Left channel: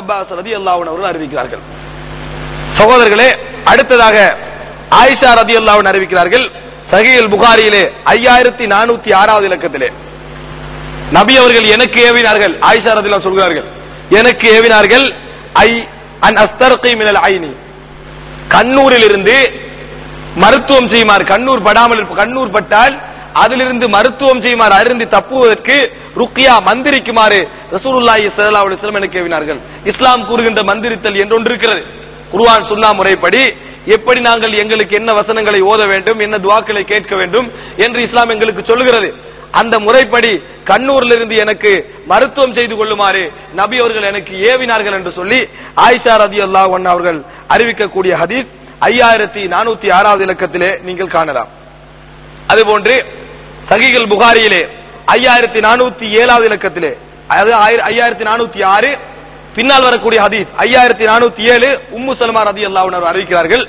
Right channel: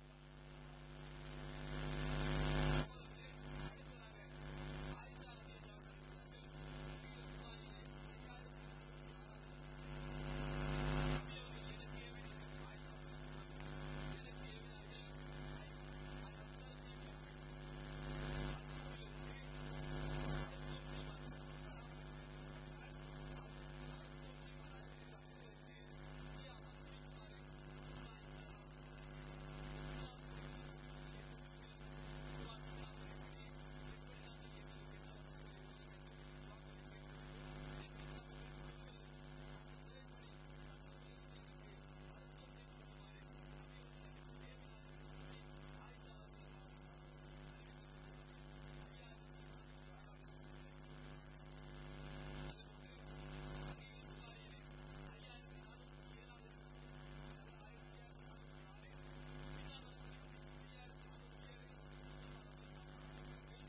Abbas ரலியல்லாஹு அன்ஹு அவர்கள் அறிவிக்கிறார்கள். சகோதரர்களே, அடுத்ததாக ஆயிஷா ரலியல்லாஹு அன்ஹா அறிவிக்கிறார்கள். சஹீஹுல் புகாரியிலே 5406வது இலக்கத்திலே நபி அவர்கள் எனக்கு ஏவினார்கள். ஆயிஷா ரலியல்லாஹு சொல்கிறார்கள், எனக்கு ஏவினார்கள் அன் அஸ்தர்கி மினல் ஐனி, கண்ணூரில் இருந்து மருத்துவம் செய்யுமாறு, கண்ணூர் படாமல், கண்ணூர் பட்டால் அதிலிருந்து மருத்துவம் செய்யுமாறு, அருந்து தப்புவதற்கு ருக்கியா மந்திரிக்குமாறு ரசூலுல்லாஹி ஸல்லல்லாஹு அலைஹி வஸல்லம் எனக்கு ஏவினார்கள். இஸ்லாம் கூறுகின்ற மந்திரித்தல் என்று ஒன்று இருக்கிறது. குர்ஆன் சுன்னா முறைப்படி எப்படி நாங்கள் எங்களுக்கு என்ன வசனங்களை ஓத வேண்டும், என்ன துஆக்களை கேட்க வேண்டும் என்று இஸ்லாம் எங்களுக்கு சொல்லுகிறது. அந்த முறைப்படி கண்ணூரில் இருந்து எனக்கு மருத்துவம் செய்து கொள்ளுமாறு நபி அவர்கள் எனக்கு ஏவினார்கள் என்று சொல்லி ஆயிஷா ரலியல்லாஹு அன்ஹா அவர்கள் அறிவிக்கக்கூடிய ஹதீஸ் 5406வது இலக்கத்திலே நீங்கள் காணலாம். அதுபோன்று சஹீஹுல் புகாரியிலே 5407வது இலக்கத்திலே, அதாவது 5406 பின்னால் வரக்கூடிய ஹதீஸ் 5407 உம்மு சலமா ரலியல்லாஹு அன்ஹா அறிவிக்கிறார்கள்.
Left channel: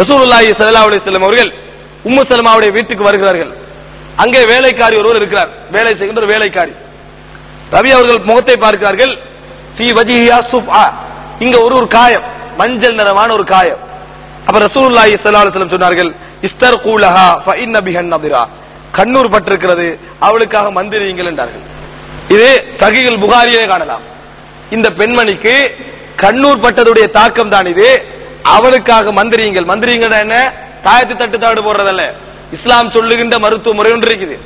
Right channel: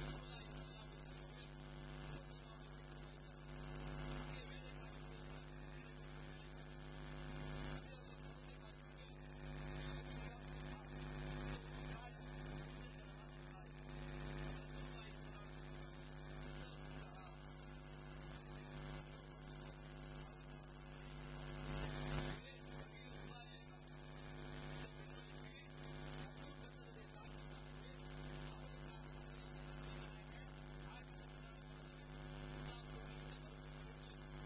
ரசூலுல்லாஹி ஸல்லல்லாஹு அலைஹி வஸல்லம் அவர்கள் உம்மு சலமாவுடைய வீட்டுக்கு வருகிறார்கள். அங்கே வேலைக்காரி ஒருவர் இருக்கிறார், வேலை செய்கின்ற ஒரு வேலைக்காரி. ரவி அவர்கள் முகத்தை பார்க்கிறார்கள். ஃபீ வஜ்ஹிஹா சுஃபா, இங்க ஒரு காயம், மஞ்சள் நிறமான ஒரு காயம். அப்ப ரசூலுல்லாஹி ஸல்லல்லாஹு அலைஹி வஸல்லம் சொன்னார்கள், இஸ்தர்கூ லஹா ஃபஇன்ன பிஹன் நதிரா, கண்ணூர் பட்டிருக்கிறது, அவளுக்காக மந்திரியுங்கள் என்றார்கள். இது சஹீஹுல் புகாரியிலே காணலாம். இந்த பெண்மணிக்கு கண்ணூர் பட்டதுடைய தாக்கம் தான் இது. அவளுக்காக மந்திரியுங்கள். மந்திரியுங்கள் என்ன, தாயத்து தட்டு தாடு போடுறதல்ல. இஸ்லாம் சொல்லுகின்ற மருத்துவ முறை ஒன்று இருக்குது.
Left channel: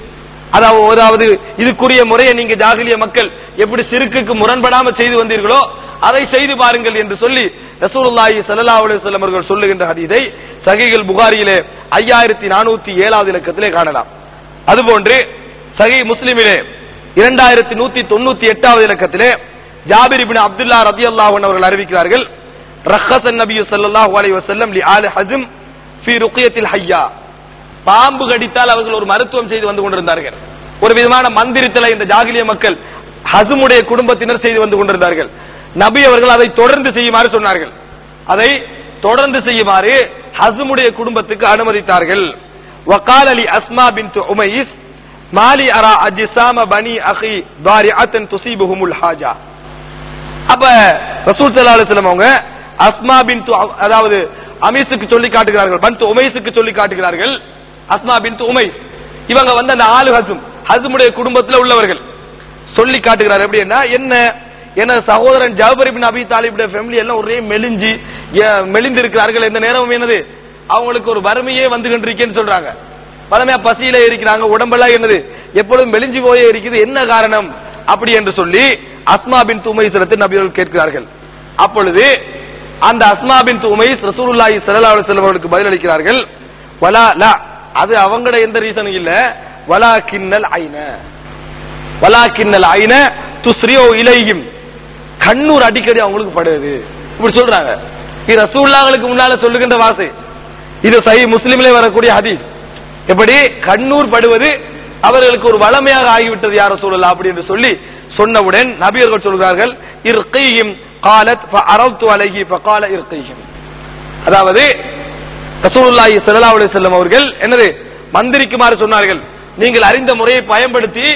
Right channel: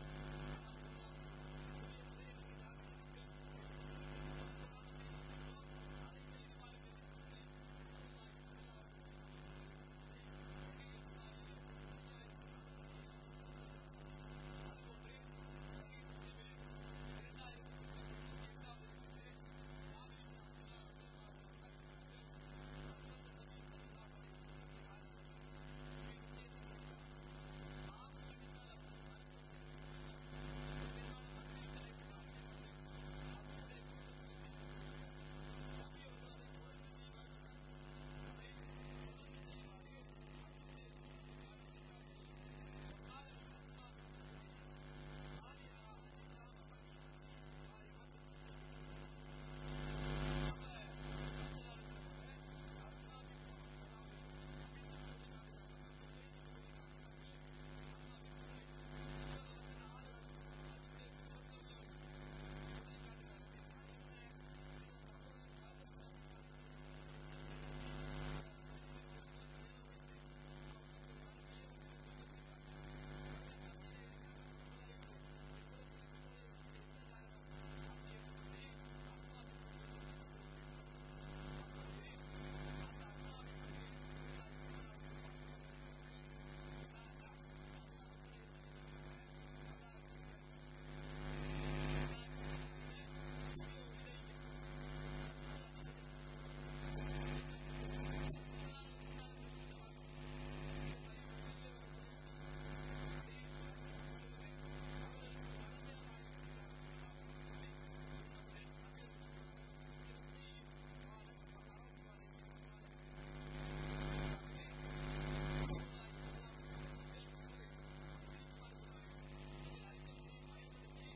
அதாவது இதுக்குரிய முறையை நீங்க ஜாகிலிய மக்கள் எப்படி சிறுக்குக்கு முரண்படாம செய்து வந்தீர்களோ அதை செய்து பாருங்கள் என்று சொல்லி ரசூலுல்லாஹி ஸல்லல்லாஹு அலைஹி வஸல்லம் அவர்கள் சொல்லுகின்ற ஹதீஸை சஹீஹுல் புகாரியிலே 5407வது இலக்கத்திலே காணலாம். அதுபோன்று சஹீஹ் முஸ்லிமிலே 2198வது இலக்கத்திலே ஜாபிர் இப்னு அப்துல்லாஹ் ரலியல்லாஹு அன்ஹு அவர்கள் அறிவிக்கிறார்கள், ரஹ்ஸன் நபி ஸல்லல்லாஹு அலைஹி வஸல்லம் லி ஆலி ஹஸம் ஃபீ ருக்யத்தில் ஹய்யா, பாம்பு கடித்தால் அவர்கள் ஒரு மருத்துவம் செய்து வந்து கொண்டிருந்தார்கள். ஒரு விதமான மந்திரித்தலை இந்த ஜாகிலிய மக்கள் ஹஸமுடைய குடும்பத்தினர் செய்து வந்து கொண்டிருந்தார்கள். நபி அவர்கள் அதை தொடர்ந்து செய்யுமாறு சொன்னார்கள். அதை தொடர்ந்து செய்யுமாறு ஹஸமுடைய குடும்பத்துக்கு அனுமதித்தார்கள். வகால லி அஸ்மா பின்த் உமைஸ் மாலி அரா அஜ்ஸாம பனி அகி தாரிஅத்தன் துஸீபுஹுமுல் ஹாஜா. அப்ப ரசூல் ஸல்லல்லாஹு அலைஹி வஸல்லம் அவங்க அஸ்மா பின்த், அதாவது அமீஸுக்கு சொல்லி காட்டுகிறார்கள், பன்த் உமைஸுக்கு சொல்லி காட்டுகிறார்கள். அஸ்மா பின்த் உமைஸ் இவங்க வந்து அந்த ஆளு ஹஸமுடைய குடும்பத்தில் உள்ளவர்கள் சொல்லி காட்டுகிறார். எப்படின்னா, என்ன சகோதரன் ஜாபர் இப்னு அபி தாலிபுடைய ஃபேமிலி எல்லாம் ஒரே மெலிந்து இருக்கிறார்கள். இந்த நேரம் என்னது, அவங்களுக்கு ஒரு வறுமையே வந்து கொண்டிருக்கேன்னு சொல்றாங்க. பலமையா பசியில இருக்கிறாங்க, உடம்பெல்லாம் என்னது எப்பொழுதும் மெலிஞ்சு போயே இருக்குது, என்ன காரணம் அப்படி என்று சொல்லி அஸ்மா பின்த் உமைஸ் நபி அவர்கள் கேட்கிறார்கள். அப்பொழுது அந்த அஸ்மா பின்த் உமைஸ் ரசூலுல்லாஹி ஸல்லல்லாஹு அலைஹி வஸல்லம் அவர்களுக்கு பதில் அளிக்கிறார்கள், வலா லா, அது அவங்களோட எந்த ரீசனும் இல்ல, வலாக்கின்னல் ஐன துஸ்ரியோ இலைஹிம், கண்ணூர் அடிக்கடி அவங்களுக்கு படுது இப்படி சொல்றாங்க. இது ரசூலுல்லாஹ்களுக்கு முன்னால சொல்லுகின்ற வார்த்தை. இது சஹீஹ் முஸ்லிமிலே வரக்கூடிய ஹதீஸ். எப்படி கண்ணூர் படுவது அவர்களுக்கு ஒரு வளமையாக ஆகிவிட்டது யார் ரசூலுல்லாஹ் அப்படி என்று சொல்லி சொன்னவுடன் நபி அவர்கள் சொல்கிறார்கள், இர்கீஹிம் قالت فعرضت عليه فقال ارقيهم. அதாவது ரசூலுல்லாஹி ஸல்லல்லாஹு அலைஹி வஸல்லம் அவர்கள் என்னது மந்திரிக்குமாறு சொன்னார்கள். நீங்கள் அறிந்த முறையை பயன்படுத்தி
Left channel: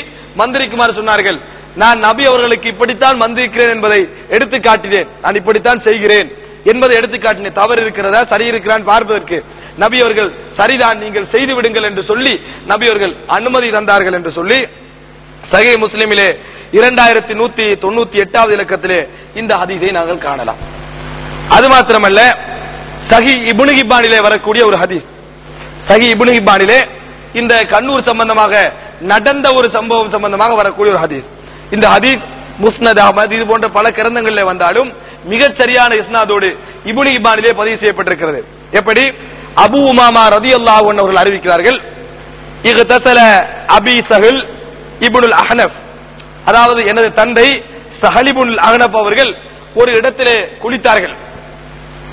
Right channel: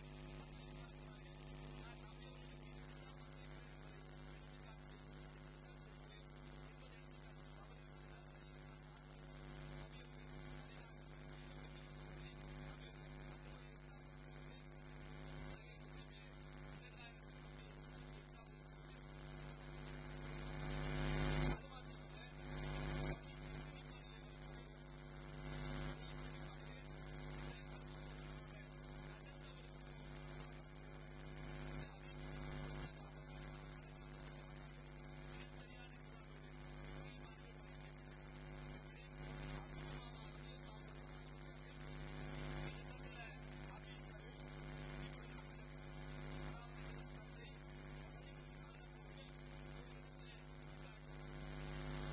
மந்திரிக்குமாறு சொன்னார்கள். நான் நபி அவர்களுக்கு இப்படித்தான் மந்திரிக்கிறேன் என்பதை எடுத்து காட்டினேன், நான் இப்படித்தான் செய்கிறேன் என்பதை எடுத்து காட்டினேன். தவறு இருக்கிறதா சரி இருக்கிறான் பார்ப்பதற்கு நபி அவர்கள் சரிதான், நீங்கள் செய்து விடுங்கள் என்று சொல்லி நபி அவர்கள் அனுமதி தந்தார்கள் என்று சொல்லி சஹீஹ் முஸ்லிமிலே 2198வது இலக்கத்திலே இந்த ஹதீஸை நாங்கள் காணலாம். அது மாத்திரமல்ல, சஹீஹ் இப்னு ஹிப்பானிலே வரக்கூடிய ஒரு ஹதீஸ், சஹீஹ் இப்னு ஹிப்பானிலே இந்த கண்ணூர் சம்பந்தமாக நடந்த ஒரு சம்பவம் சம்பந்தமாக வரக்கூடிய ஒரு ஹதீஸ். இந்த ஹதீஸ் முஸ்னத் அஹ்மத் இது போன்ற பல கிரந்தங்களிலே வந்தாலும் மிகச் சரியான இஸ்னாதோடு இப்னு ஹிப்பானிலே பதிவு செய்யப்பட்டிருக்கிறது. எப்படி, அபூ உமாமா ரலியல்லாஹு அன்ஹு அவர்கள் அறிவிக்கிறார்கள், இக்தஸல அபி சஹல் இப்னுல் அஹ்னஃப், அதாவது எனது தந்தை சஹல் இப்னுல் அஹ்னஃப் அவர்கள் ஒரு இடத்திலே குளித்தார்கள்,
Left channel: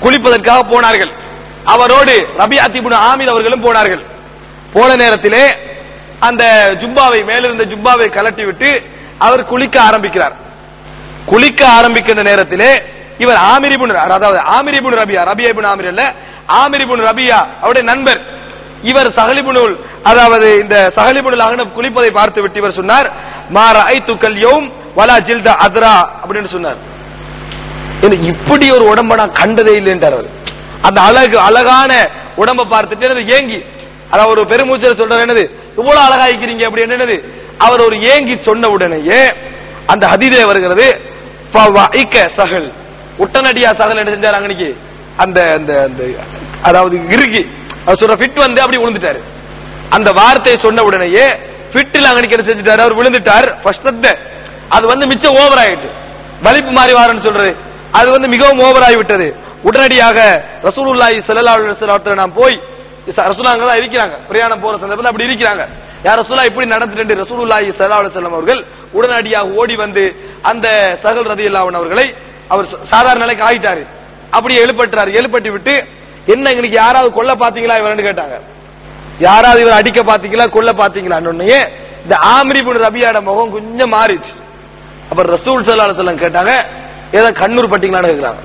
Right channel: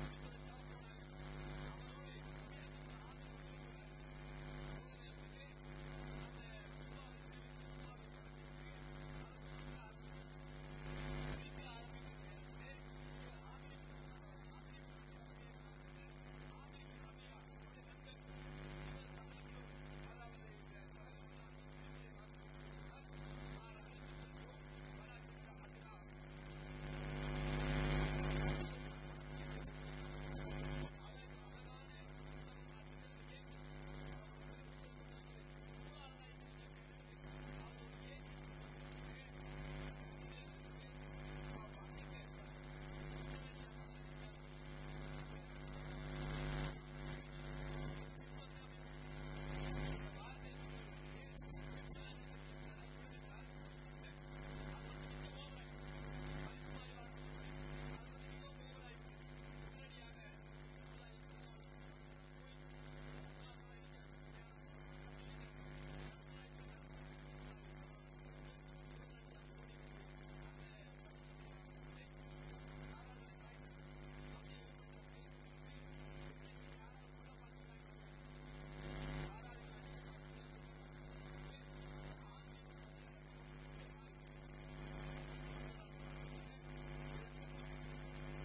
குளிப்பதற்காக போனார்கள். அவரோடு ரபிஅத் இப்னு ஆமிர் அவர்களும் போனார்கள். போன நேரத்திலே அந்த ஜுப்பாவை, மேலிருந்த ஜுப்பாவை கலட்டி விட்டு அவர் குளிக்க ஆரம்பிக்கிறார். குளிக்க ஆரம்பிக்கின்ற நேரத்திலே இவர் ஆமிர் இப்னு, அதாவது ஆமிர் இப்னு ரபியா, ரபியா இப்னு ஆமிர் அல்ல, ஆமிர் இப்னு ரபியா அவருடைய நண்பர். இவர் சஹல் இப்னுல், அதாவது இந்த சஹல் இப்னுல் அஹ்னஃப் குளிப்பதை பார்த்து விட்டு இவர் சொன்னார், மா ரஅய்துகல் யௌம் வலா ஜில்த அத்ரா அப்படின்னு சொன்னார். இப்படி ஒரு உடம்ப நான் கண்டதே இல்லைன்றார் அவர். அந்த அழகான உடம்ப பார்த்துட்டு ஏங்கி, அதாவது ஒரு பெருமூச்சல் சொல்றாரு, என்னது இவ்வளவு அழகாய்க்கிறீங்க அப்படி என்னது, அவர் ஒரு ஏங்கி சொன்ன உடனேயே அந்த ஹதீஸிலே வருகிறது, சகல் உடனடியா சகல் என்ன செஞ்சார் அன்னைக்கு, அந்த அதாவது இறுகி அவர் சொல்ற ஃபிட் வந்து அப்படி விழுந்துட்டாரு. அந்த வார்த்தையை சொன்ன உடனேயே ஃபிட்ல அன்னைக்கு என்ன செஞ்சுட்டாரு, அவர் விழுந்துட்டார். அது வந்து மிச்சம் ஓவர் ஆயிட்டு, வலிப்பு மாறி வாரன்னு சொல்றது, அது வந்து மிகவும் ஓவர் ஆகிவிட்டது. உடனடியாக ரசூலுல்லாஹி ஸல்லல்லாஹு அலைஹி வஸல்லம் நாம் போய், ரசூலுல்லாஹ் தான் இருக்கிறாங்க, பிரயாணம் போற சந்தர்ப்பத்தில் அப்படி இருக்கிறாங்க, யார் ரசூலுல்லாஹ் இப்படி நடந்துட்டு, ரசூலுல்லாஹி ஸல்லல்லாஹு அலைஹி வஸல்லம் அவர்கள் உடனடியாக ஓடி வந்து அந்த சஹல் ரலியல்லாஹு அன்ஹு அவர்களை, அவர் சாதாரண நிலைக்கு ஆயிட்டாரு, அப்படி எழுப்பட்டாரு. எழுப்பட்டி விட்டு, என்ன இன்னைக்கு யாராவது கொல்ல பாத்தீங்களா இவர்னு கேட்டாங்க. யாராவது இவர் அடிக்க பாத்தீங்களா கொல்ல பாத்தீங்களா, இந்த ஆம்ரி இப்னு ரபியாட முகம் கொஞ்சம் மாறிச்சு. அப்ப ரசூல் ஸல்லல்லாஹு அலைஹி வஸல்லம் கேட்டாங்க, ஏதோ கண்ணூர் பட்டீங்களான்னு கேக்குறாங்க.